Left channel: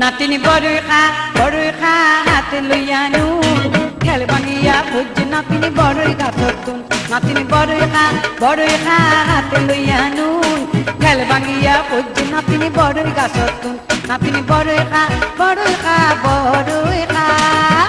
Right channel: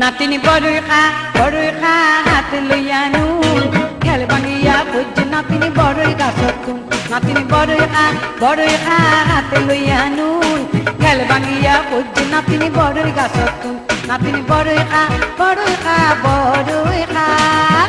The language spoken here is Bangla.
নাতিনি বড়ই খা হাতে লইয়া নুন খেল ভাঙিয়া খুঁজ নাতিনি বড়ই গাছত তুন নাতিনি বড়ই খা হাতে লইয়া নুন খেল ভাঙিয়া খুঁজ নাতিনি বড়ই গাছত তুন নাতিনি বড়ই খা বড়ই খা